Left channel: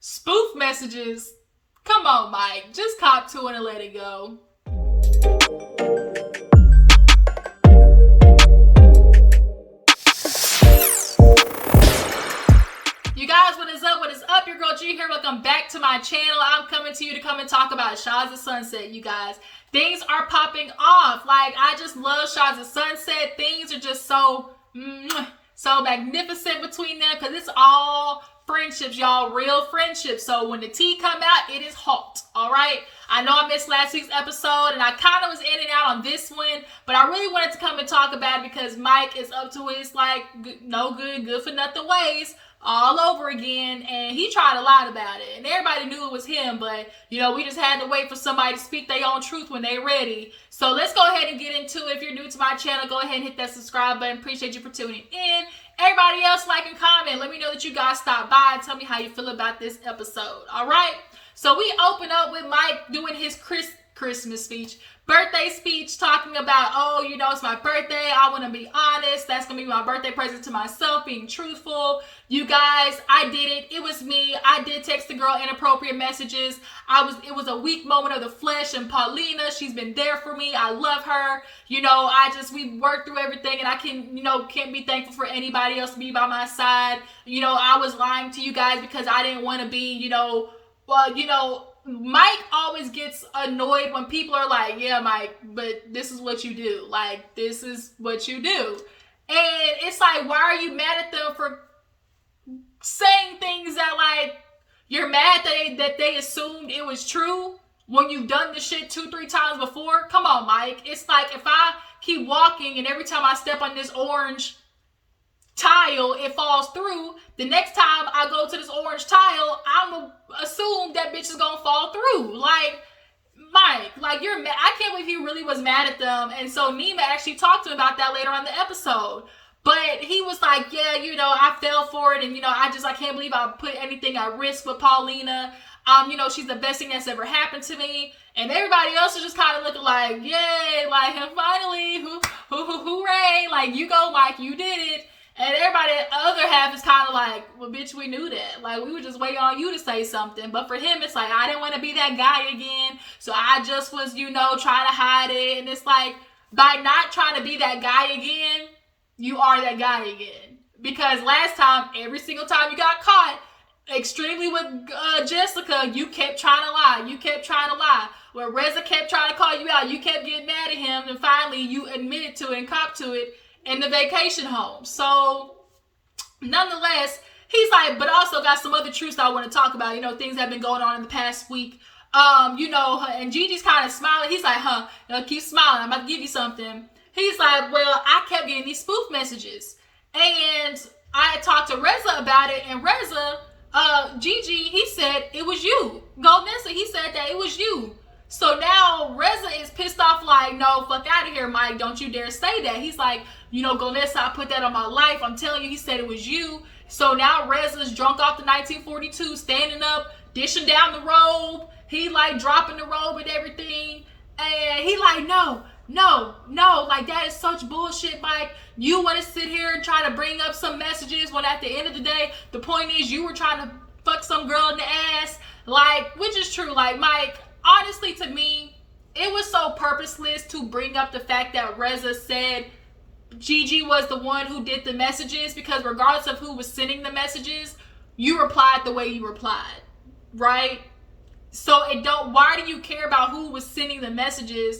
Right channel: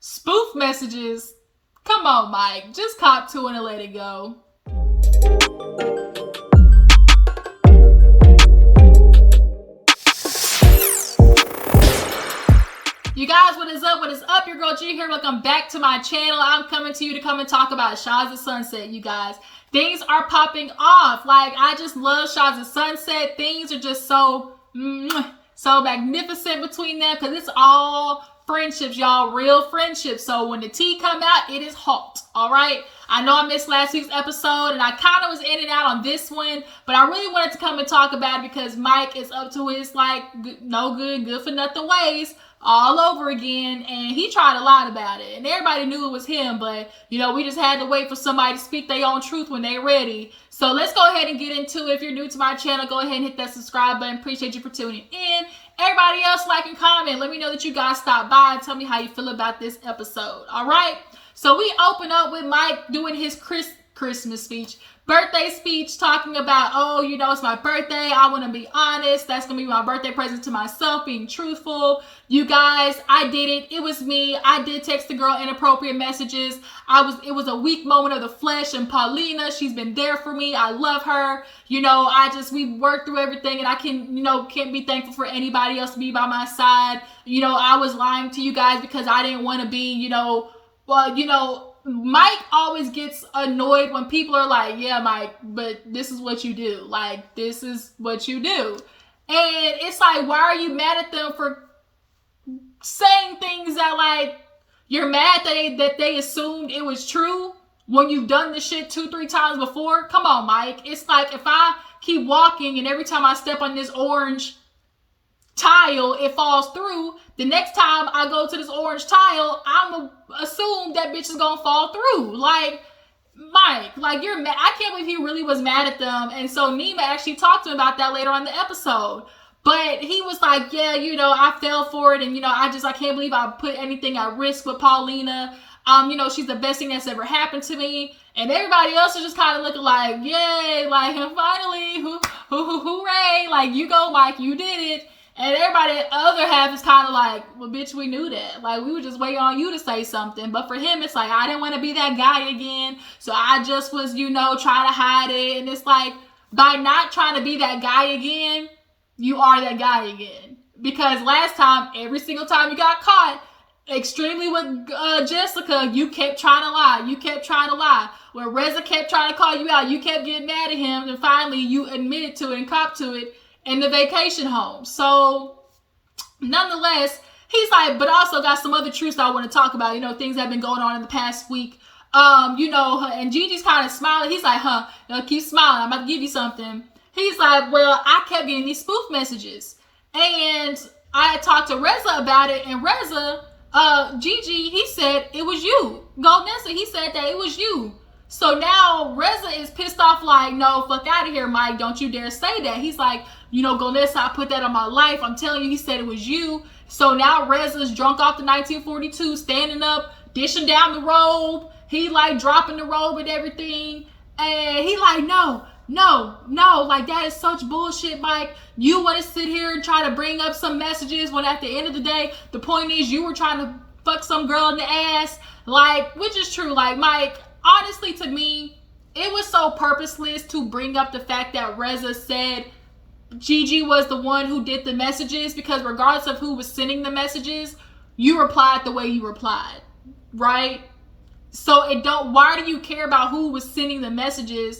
Spoof messages. Come on, Mike. Just cop to it and let it go. You guys, what is up? What is up? Your girl G here. Welcome back to my channel. I'm coming to you to come and talk about Shahs of Sunset, you guys. Things are popping off. Like, I just love Shahs of Sunset. Things are just so magnificent between them because it's all friendships, y'all. Real friendships. So when the tea come out, it is hot. All right. I know I missed last week's episode and I kind of was in and out on this one, but I really wanted to come and talk about it because Mike is up to his no good for nothing ways all over again, and he tried a lot about it, and everybody knew it was him, but we just had to wait for somebody to speak their own truth when they're ready. So let's go ahead and get into it. If you're new to my channel, go ahead and hit that subscribe button. Appreciate you for tuning in. Everybody else, like and comment. Let me know that you guys stopped by and tell me how you feel about this episode. All right, so we open up with Mike doing his Christmas speech, birthday speech, talking about, it's my birthday. I want to be honest. That's going to be my birthday present to myself, being truthful. You guys, I did it. It was me. I did text the girl inappropriate messages. It was a weak moment of the flesh, and Paulina, she's been there for me. I love her. We worked through everything, and I can't be thankful for anybody else to be by my side. I was lying to you guys because I didn't want to be, Mike always gets annoyed when people are like, yeah, Mike, but this is what you do. Like, this is what you do. And it's like, why are you mad at them for saying things that, you're mad that they assumed it was true when you've done this shit 2-3 times before? Come on, Mike. It's like, if I keep walking and every time I step on this orange tile, it falls through, the next time I go to this orange tile, I'm gonna assume that bitch is gonna fall through. Like, Mike, you're mad. I can't believe he really was mad at them. And so Nima actually talked to him about that later on in the episode. But he was like, yeah, I fell for it. And, I can't believe I put anything at risk with Paulina. She's the best thing that's ever happened to me. And everybody else is just kind of looking like, yay, finally, hooray. You go, Mike, you did it. And everybody, the other half is kind of like, well, bitch, we knew that. We were just waiting on you to say something. But for him, it's like, I didn't want to be that guy again. So I just was, trying to hide it. And it's like, by not trying to be that guy again, you are that guy again. Because last time, every single time you got caught, extremely with Jessica, you kept trying to lie. You kept trying to lie. When Reza kept trying to call you out, you kept getting mad at him. And finally, you admitted to it and copped to it in the vacation home. So, nonetheless, he's like, but also got some other truths that I want to talk about. Things that have been going on in the past week. And Gigi's kind of smiling. He's like, keep smiling. I'm about to give you something. He's like, well, I kept getting these spoof messages. And I talked to Reza about it. And Reza, Gigi, he said, it was you. Goldnessa, he said that it was you. So now Reza is pissed off like, no, fuck out of here, Mike. Don't you dare say that. He's like, Goldnessa, I put that on my life. I'm telling you, he said it was you. So now Reza's drunk off the 1942, standing up, dishing down the robe. He dropping the robe and everything. And he like, no, that is such bullshit, Mike. You want to sit here and try to bring up some messages when at the end of the day, the point is you were trying to fuck some girl in the ass. Which is true. Mike, honestly, to me, it was so purposeless to bring up the fact that Reza said Gigi was the one who did the messages, because regardless of who was sending the messages, you replied the way you replied, right? So why do you care about who was sending the messages?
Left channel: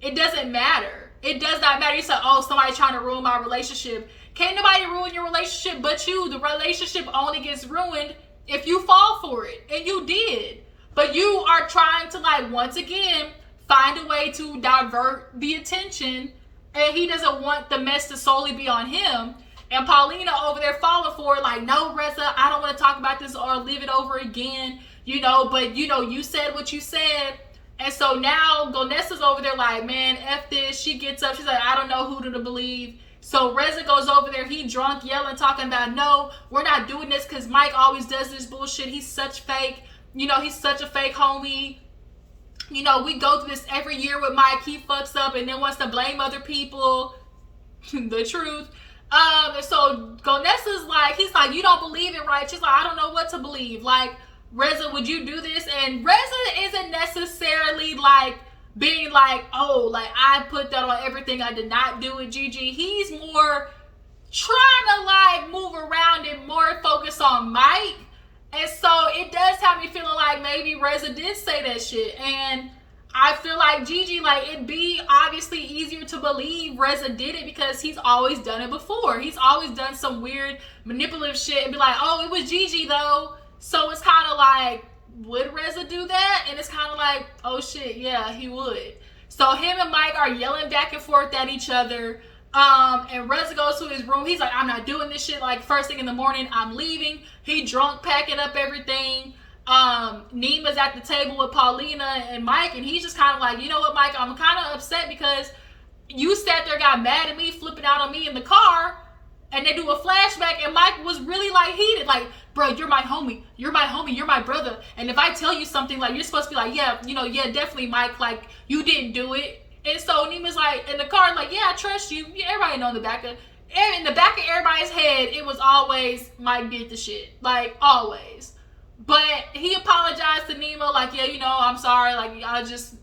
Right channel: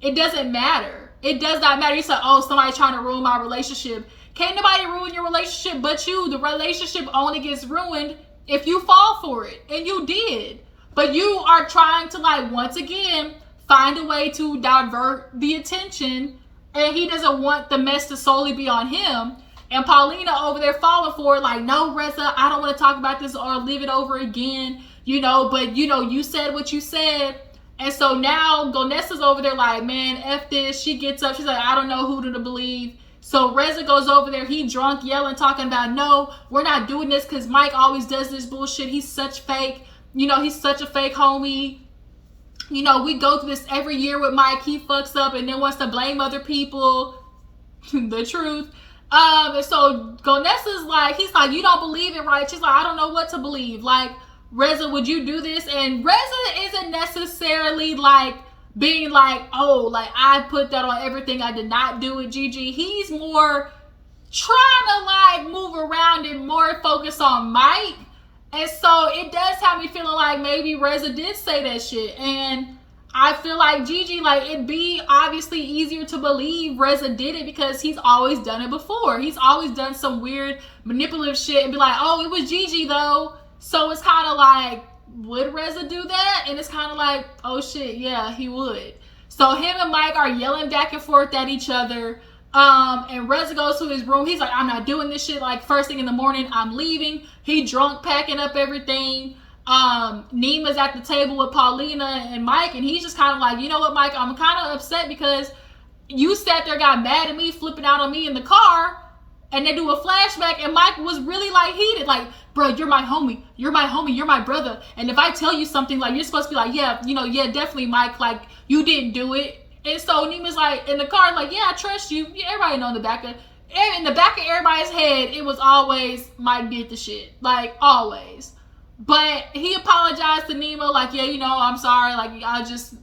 It doesn't matter. It does not matter. You say, somebody's trying to ruin my relationship. Can't nobody ruin your relationship but you. The relationship only gets ruined if you fall for it. And you did. But you are trying to, once again, find a way to divert the attention. And he doesn't want the mess to solely be on him. And Paulina over there falling for it, no, Reza, I don't want to talk about this or live it over again. But you said what you said. And so now Goldnessa's over there like, man, F this. She gets up. She's like, I don't know who to believe. So Reza goes over there. He drunk, yelling, talking about, no, we're not doing this because Mike always does this bullshit. He's such fake. He's such a fake homie. We go through this every year with Mike. He fucks up and then wants to blame other people. The truth. And so Goldnessa's like, he's like, you don't believe it, right? She's like, I don't know what to believe. Reza, would you do this? And Reza isn't necessarily like being like, oh, like I put that on everything. I did not do it, Gigi. He's more trying to like move around and more focus on Mike. And so it does have me feeling like maybe Reza did say that shit. And I feel like Gigi, like it'd be obviously easier to believe Reza did it because he's always done it before. He's always done some weird manipulative shit and be like, oh, it was Gigi though. So it's kind of like, would Reza do that? And it's kind of like, oh shit, yeah, he would. So him and Mike are yelling back and forth at each other. And Reza goes to his room. He's like, I'm not doing this shit. Like first thing in the morning, I'm leaving. He drunk, packing up everything. Nima's at the table with Paulina and Mike, and he's just kind of like, you know what, Mike, I'm kind of upset because you sat there, got mad at me, flipping out on me in the car, and they do a flashback, and Mike was really like heated, like, bro, you're my homie, you're my brother, and if I tell you something, like, you're supposed to be like, yeah, you know, yeah, definitely, Mike, like, you didn't do it. And so Nima's like in the car, like, yeah, I trust you. Everybody know in the back of everybody's head, it was always Mike did the shit, like always. But he apologized to Nima, like, yeah, you know, I'm sorry, like I just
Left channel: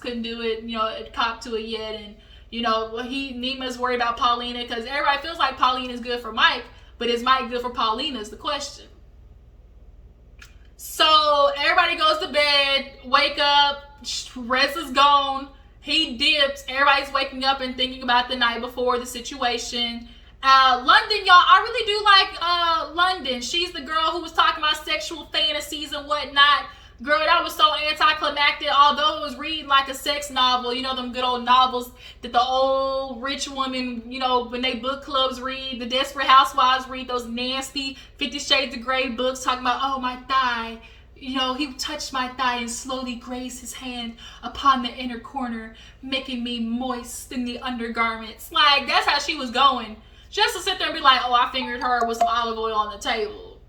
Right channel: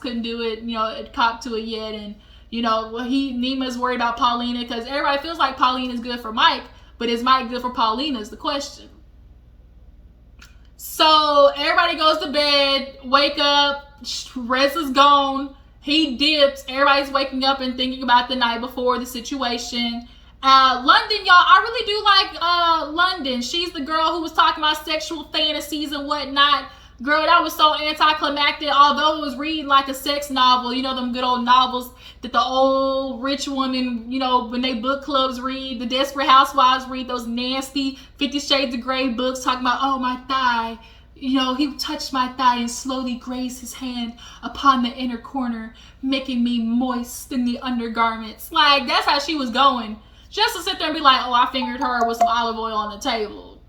couldn't do it, you know, it copped to it yet. And you know, Nima's worried about Paulina because everybody feels like Paulina's good for Mike, but is Mike good for Paulina is the question. So everybody goes to bed, wake up, Reza's gone. He dips. Everybody's waking up and thinking about the night before, the situation. London, y'all, I really do like London. She's the girl who was talking about sexual fantasies and whatnot. Girl, that was so anticlimactic, although it was reading like a sex novel. You know, them good old novels that the old rich women, you know, when they book clubs read, the Desperate Housewives read those nasty 50 Shades of Grey books talking about, oh, my thigh. You know, he touched my thigh and slowly grazed his hand upon the inner corner, making me moist in the undergarments. Like, that's how she was going. Just to sit there and be like, oh, I fingered her with some olive oil on the table.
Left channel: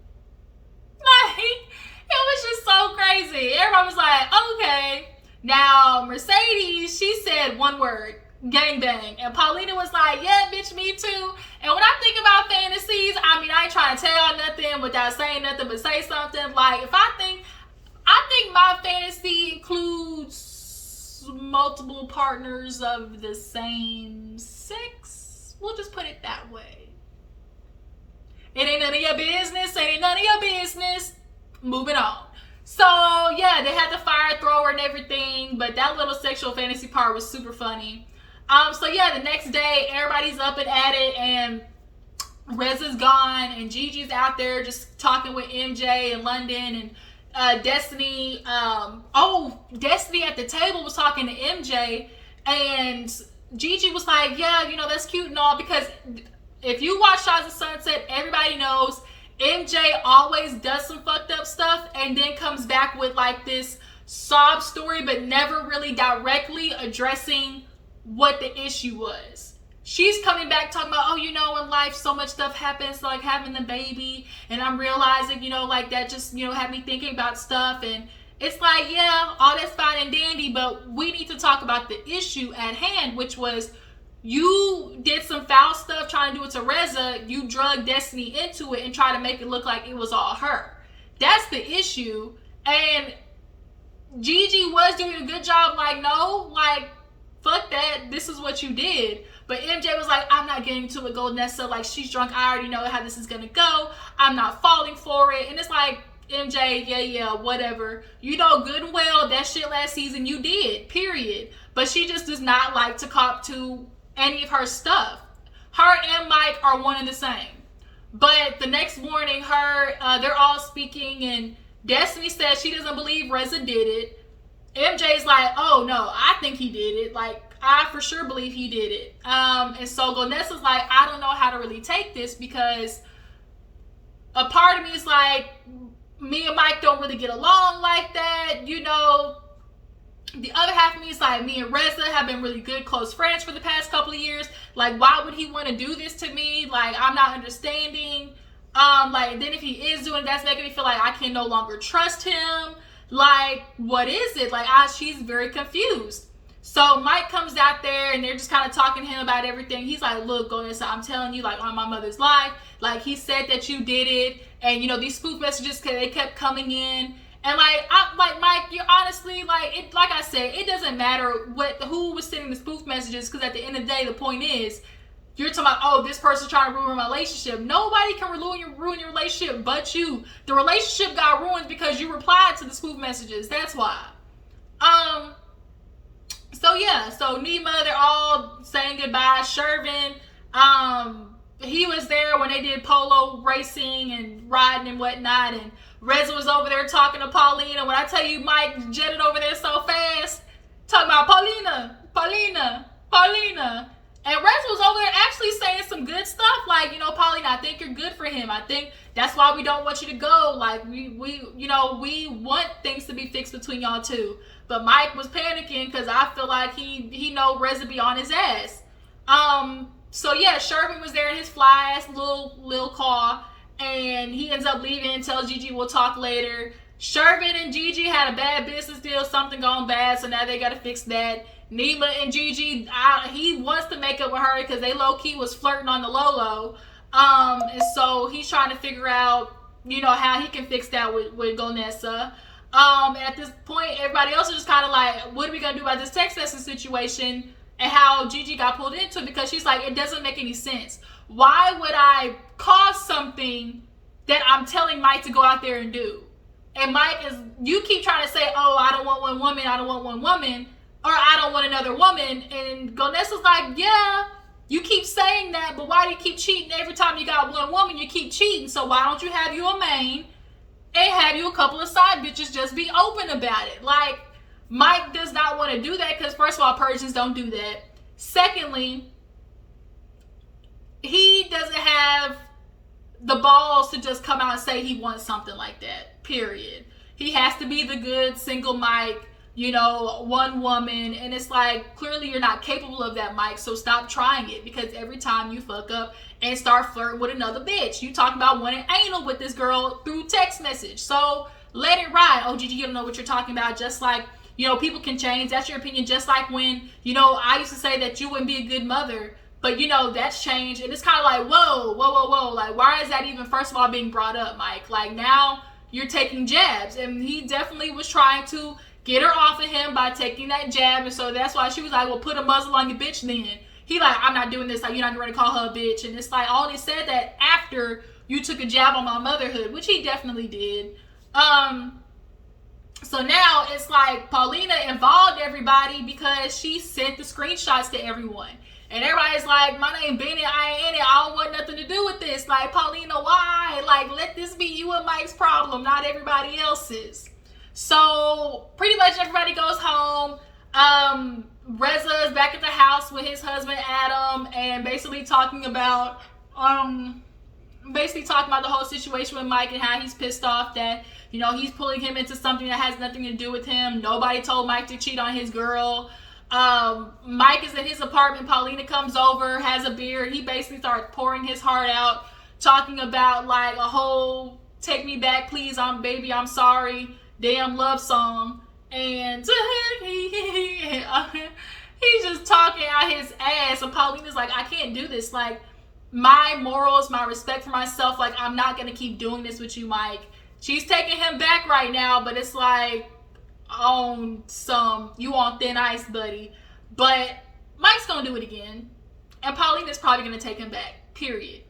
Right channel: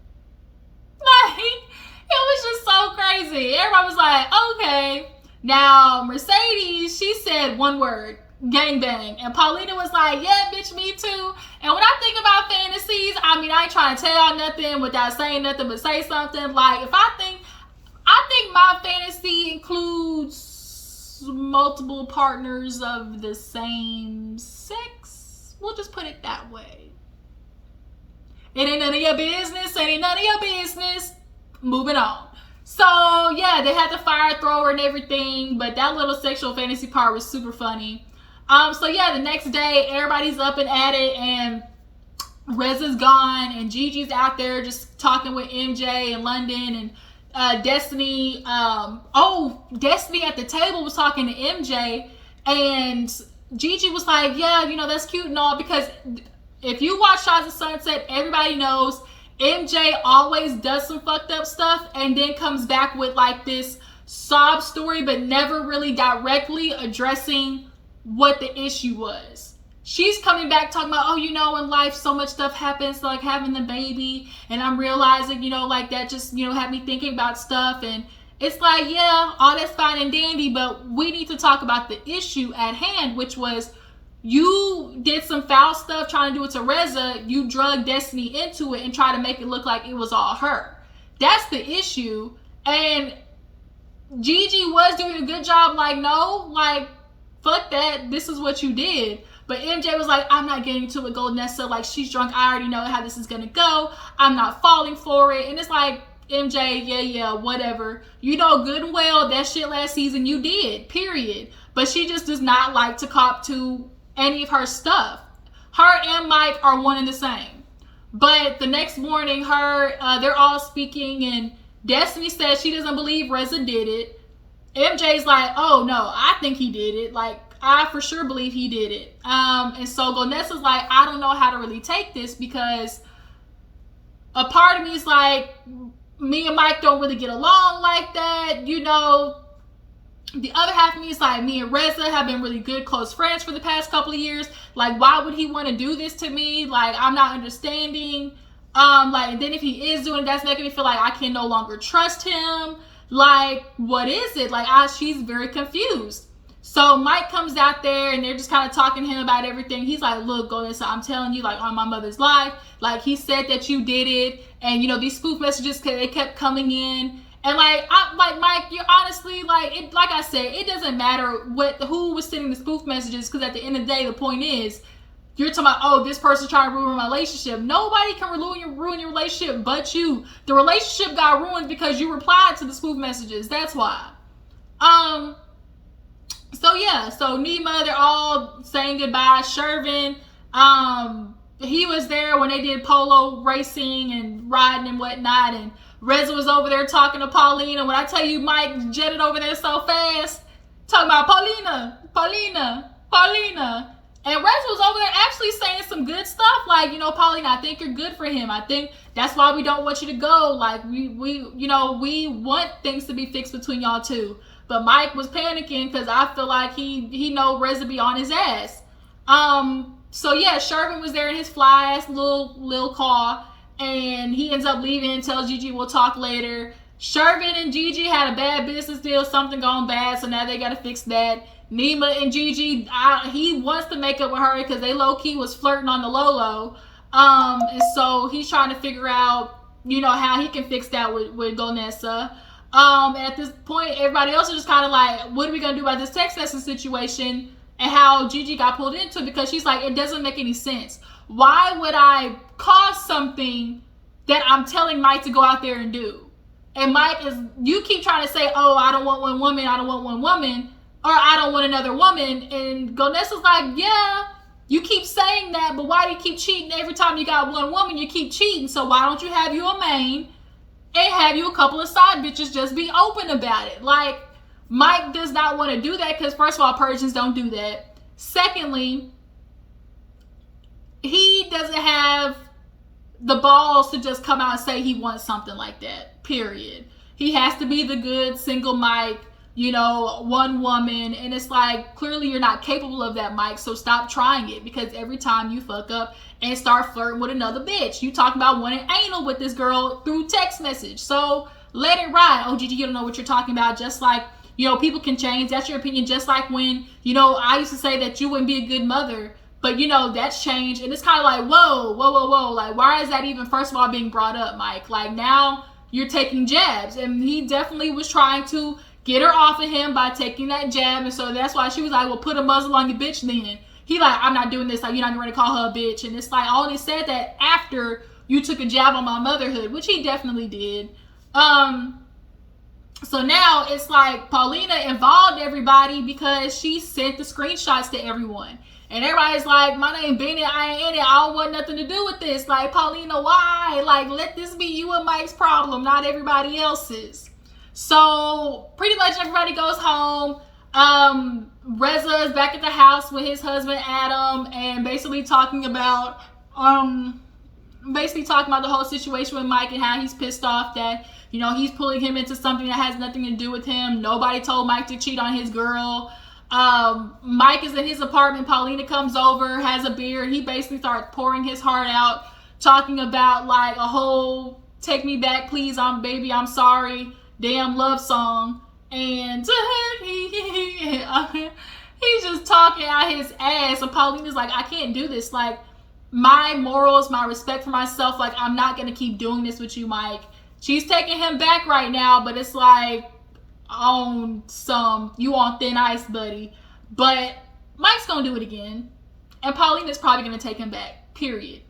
Like, it was just so crazy. Everyone was like, okay. Now, Mercedes, she said one word, gangbang. And Paulina was like, yeah, bitch, me too. And when I think about fantasies, I mean, I ain't trying to tell y'all nothing without saying nothing but say something. Like, I think my fantasy includes multiple partners of the same sex. We'll just put it that way. It ain't none of your business. It ain't none of your business. Moving on. So, yeah, they had the fire thrower and everything, but that little sexual fantasy part was super funny. So, yeah, the next day, everybody's up and at it, and Reza's gone, and Gigi's out there just talking with MJ and London, and Destiny. Destiny at the table was talking to MJ, and Gigi was like, yeah, you know, that's cute and all, because if you watch Shahs of Sunset, everybody knows MJ always does some fucked up stuff and then comes back with like this sob story, but never really directly addressing what the issue was. She's coming back talking about, oh, you know, in life so much stuff happens, like having the baby, and I'm realizing, you know, like that just, you know, had me thinking about stuff. And it's like, yeah, all that's fine and dandy, but we need to talk about the issue at hand, which was you did some foul stuff trying to do it to Reza. You drug Destiny into it and try to make it look like it was all her. That's the issue. And Gigi was doing a good job, like, no, like, fuck that, this is what you did. But MJ was like, I'm not getting to it, Goldnessa, like, she's drunk, I already know how this is gonna go, I'm not falling for it. And it's like, MJ, yeah, whatever. You know good and well that shit last season you did, period. But she just does not like to cop to any of her stuff. Her and Mike are one and the same. But the next morning, they're all speaking, and Destiny says she doesn't believe Reza did it. MJ's like, oh no, I think he did it. Like, I for sure believe he did it. And so Gonessa's like, I don't know how to really take this, because a part of me is like, me and Mike don't really get along like that, you know. The other half of me is like, me and Reza have been really good, close friends for the past couple of years. Like, why would he want to do this to me? Like, I'm not understanding. Like, and then if he is doing it, that's making me feel like I can no longer trust him. Like, what is it? Like, she's very confused. So Mike comes out there and they're just kind of talking to him about everything. He's like, look, Golnessa, I'm telling you, like, on my mother's life, like, he said that you did it. And, you know, these spoof messages, they kept coming in. And, like, Mike, you're honestly, like, like I said, it doesn't matter who was sending the spoof messages, because at the end of the day, the point is, you're talking about, oh, this person's trying to ruin my relationship. Nobody can ruin your relationship but you. The relationship got ruined because you replied to the spoof messages. That's why. So yeah, so Nima, they're all saying goodbye. Shervin, he was there when they did polo racing and riding and whatnot, and Reza was over there talking to Paulina. When I tell you Mike jetted over there so fast, talking about Paulina. And Reza was over there actually saying some good stuff, like, you know, Paulina, I think you're good for him. I think that's why we don't want you to go. Like, we want things to be fixed between y'all two. But Mike was panicking because I feel like he know Reza be on his ass. So yeah, Shervin was there in his fly ass little car, and he ends up leaving and tells Gigi we'll talk later. Shervin and Gigi had a bad business deal, something gone bad, so now they gotta fix that. Nima and Gigi, he wants to make up with her because they low-key was flirting on the low-low. And so he's trying to figure out, you know, how he can fix that with Golnessa. And at this point, everybody else is just kind of like, what are we going to do about this text message situation, and how Gigi got pulled into it, because she's like, it doesn't make any sense. Why would I cause something that I'm telling Mike to go out there and do? And Mike you keep trying to say, oh, I don't want one woman, or I don't want another woman. And Golnessa's like, yeah, you keep saying that, but why do you keep cheating? Every time you got one woman, you keep cheating. So why don't you have you a main and have you a couple of side bitches? Just be open about it. Like, Mike does not want to do that because, first of all, Persians don't do that. Secondly, he doesn't have the balls to just come out and say he wants something like that, period. He has to be the good single Mike, you know, one woman. And it's like, clearly you're not capable of that, Mike. So stop trying it, because every time you fuck up and start flirting with another bitch, you talk about wanting anal with this girl through text message. So let it ride. Oh, Gigi, you don't know what you're talking about. Just like, you know, people can change. That's your opinion. Just like when, you know, I used to say that you wouldn't be a good mother, but, you know, that's changed. And it's kind of like, whoa. Like, why is that even, first of all, being brought up, Mike? Like, now you're taking jabs. And he definitely was trying to get her off of him by taking that jab. And so that's why she was like, well, put a muzzle on your bitch then. He like, I'm not doing this. Like, you're not going to call her a bitch. And it's like, I only said that after you took a jab on my motherhood, which he definitely did. So now it's like Paulina involved everybody because she sent the screenshots to everyone. And everybody's like, my name Benny, I ain't in it. I don't want nothing to do with this. Like, Paulina, why? Like, let this be you and Mike's problem, not everybody else's. So pretty much everybody goes home. Reza is back at the house with his husband Adam, and basically talking about the whole situation with Mike and how he's pissed off that, you know, he's pulling him into something that has nothing to do with him. Nobody told Mike to cheat on his girl. Mike is in his apartment. Paulina comes over, has a beer, and he basically starts pouring his heart out, talking about like a whole "take me back, please, I'm sorry" damn love song. And he's just talking out his ass, and Paulina's like, I can't do this. Like, my morals, my respect for myself, like, I'm not gonna keep doing this with you, Mike. She's taking him back right now, but it's like, you on thin ice, buddy. But Mike's gonna do it again, and Paulina's probably gonna take him back, period.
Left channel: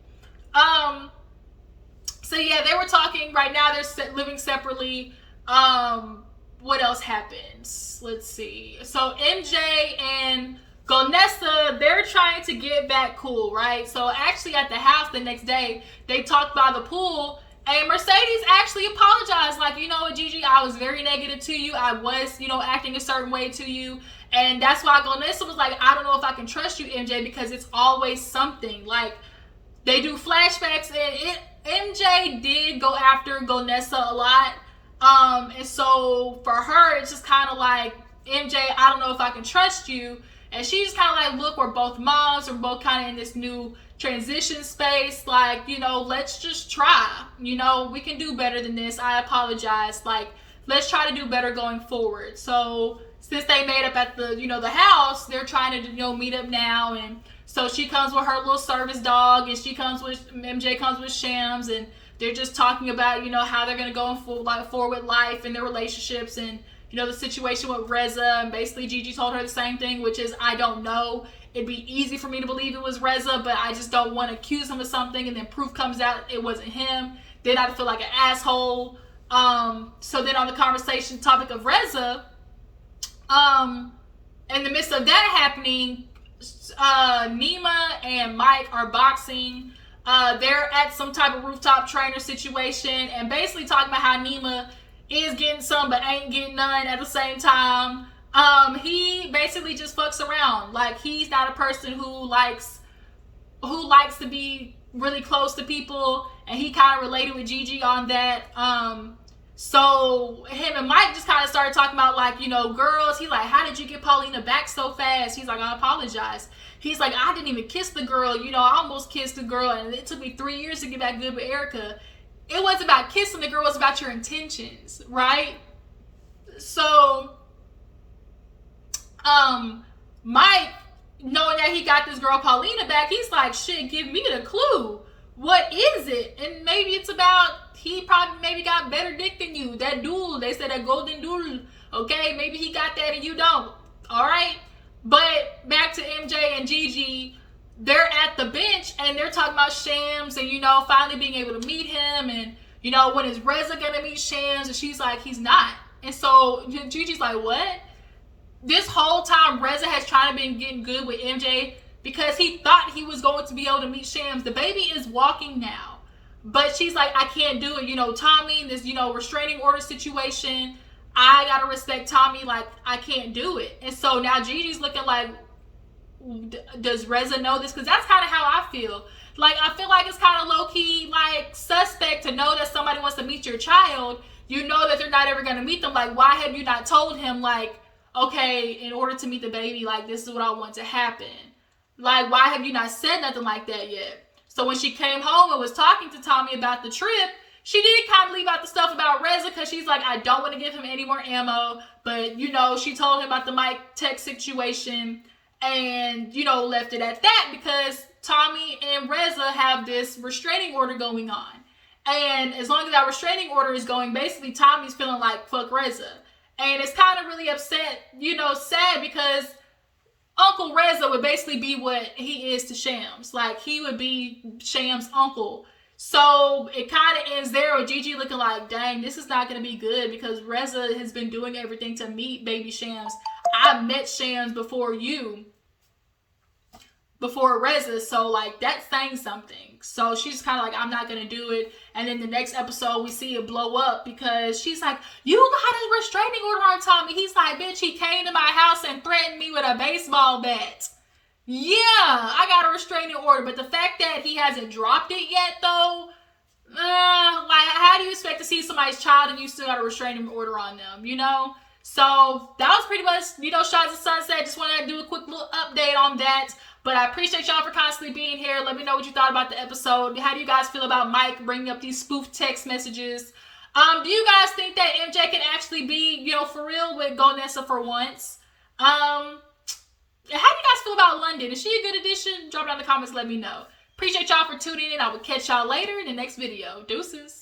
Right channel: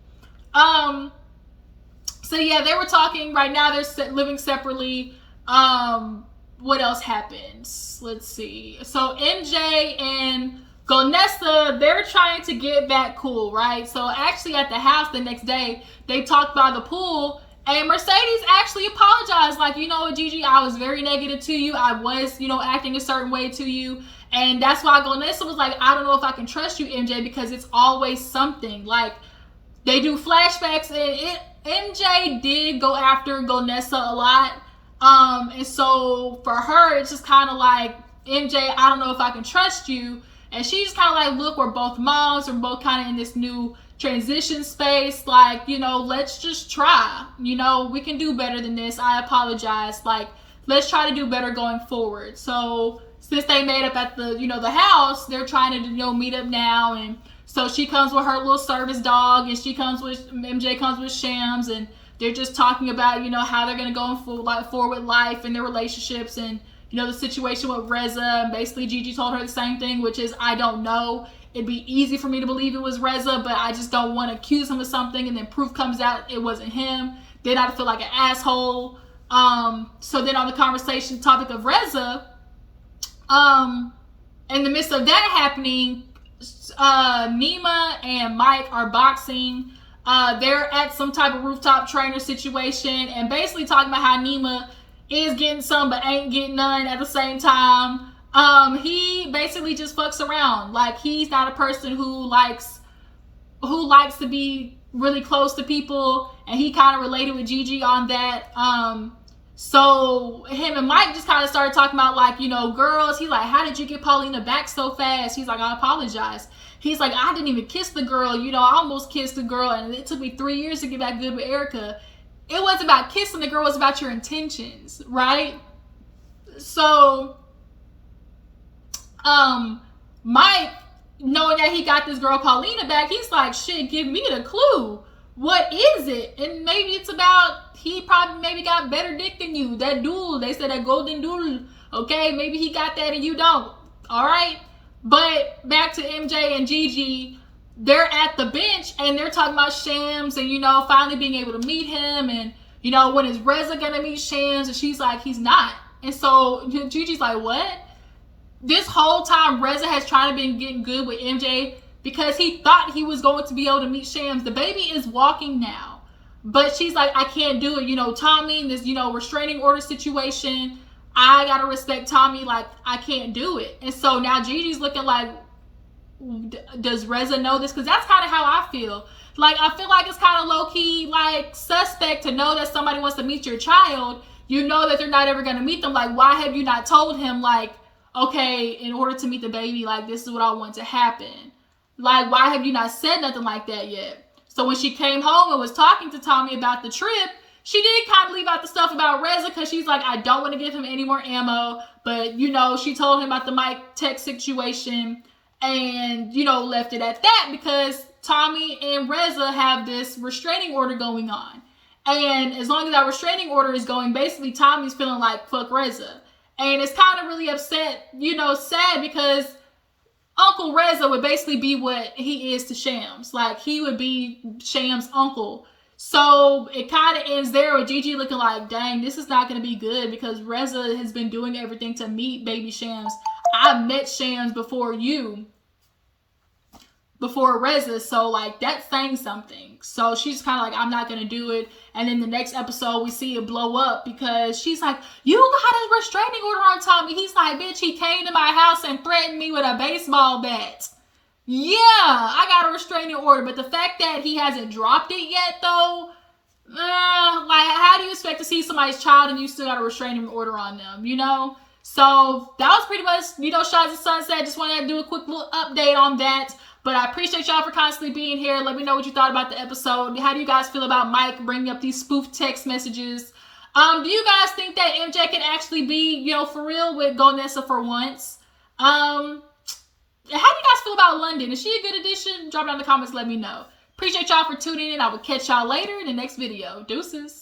So yeah, they were talking. Right now they're living separately. What else happens? Let's see. So MJ and Golnessa, they're trying to get back cool, right? So actually at the house the next day, they talked by the pool, and Mercedes actually apologized. Like, you know what, Gigi, I was very negative to you. I was, you know, acting a certain way to you. And that's why Golnessa was like, I don't know if I can trust you, MJ, because it's always something. Like, they do flashbacks, and MJ did go after Golnessa a lot. And so for her, it's just kind of like, MJ, I don't know if I can trust you. And she's kind of like, look, we're both moms. We're both kind of in this new transition space. Like, you know, let's just try. You know, we can do better than this. I apologize. Like, let's try to do better going forward. So since they made up at the, the house, they're trying to, meet up now. And so she comes with her little service dog, and MJ comes with Shams, and they're just talking about, how they're going to go forward with life and their relationships, and, the situation with Reza. And basically Gigi told her the same thing, which is, I don't know. It'd be easy for me to believe it was Reza, but I just don't want to accuse him of something, and then proof comes out it wasn't him. Then I'd feel like an asshole. So then on the conversation topic of Reza, in the midst of that happening, Nima and Mike are boxing. They're at some type of rooftop trainer situation, and basically talking about how Nima is getting some but ain't getting none at the same time. He basically just fucks around. Like, he's not a person who likes to be really close to people, and he kind of related with Gigi on that. So him and Mike just kind of started talking about, like, girls. He's like, how did you get Paulina back so fast? He's like, I apologize. He's like, I didn't even kiss the girl. I almost kissed the girl, and it took me 3 years to get back good with Erica. It wasn't about kissing the girl. It was about your intentions, right? So, Mike, knowing that he got this girl Paulina back, he's like, shit, give me the clue. What is it? And maybe it's about, he probably maybe got better dick than you. That duel, they said that golden duel. Okay, maybe he got that and you don't. All right. But back to MJ and Gigi, they're at the bench and they're talking about Shams and, finally being able to meet him. And, when is Reza going to meet Shams? And she's like, he's not. And so Gigi's like, what? This whole time, Reza has tried to be getting good with MJ because he thought he was going to be able to meet Shams. The baby is walking now. But she's like, I can't do it. Tommy, this, restraining order situation, I got to respect Tommy. Like, I can't do it. And so now Gigi's looking like, does Reza know this? Because that's kind of how I feel. Like, I feel like it's kind of low-key, like, suspect to know that somebody wants to meet your child. You know that they're not ever going to meet them. Like, why have you not told him, like, okay, in order to meet the baby, like, this is what I want to happen? Like, why have you not said nothing like that yet? So when she came home and was talking to Tommy about the trip, she did kind of leave out the stuff about Reza because she's like, I don't want to give him any more ammo. But, she told him about the Mike Tech situation and, left it at that because Tommy and Reza have this restraining order going on. And as long as that restraining order is going, basically Tommy's feeling like, fuck Reza. And it's kind of really upset, sad because Uncle Reza would basically be what he is to Shams. Like, he would be Shams' uncle. So it kind of ends there with Gigi looking like, dang, this is not going to be good because Reza has been doing everything to meet baby Shams. I met Shams before Reza, so, like, that's saying something. So she's kind of like, I'm not going to do it. And then the next episode, we see it blow up because she's like, you got a restraining order on Tommy. He's like, bitch, he came to my house and threatened me with a baseball bat. Yeah, I got a restraining order. But the fact that he hasn't dropped it yet, though, like, how do you expect to see somebody's child and you still got a restraining order on them, So that was pretty much, Shahs and Sunset. Just wanted to do a quick little update on that. But I appreciate y'all for constantly being here. Let me know what you thought about the episode. How do you guys feel about Mike bringing up these spoof text messages? Do you guys think that MJ can actually be, for real with Gonessa for once? How do you guys feel about London? Is she a good addition? Drop it down in the comments. Let me know. Appreciate y'all for tuning in. I will catch y'all later in the next video. Deuces.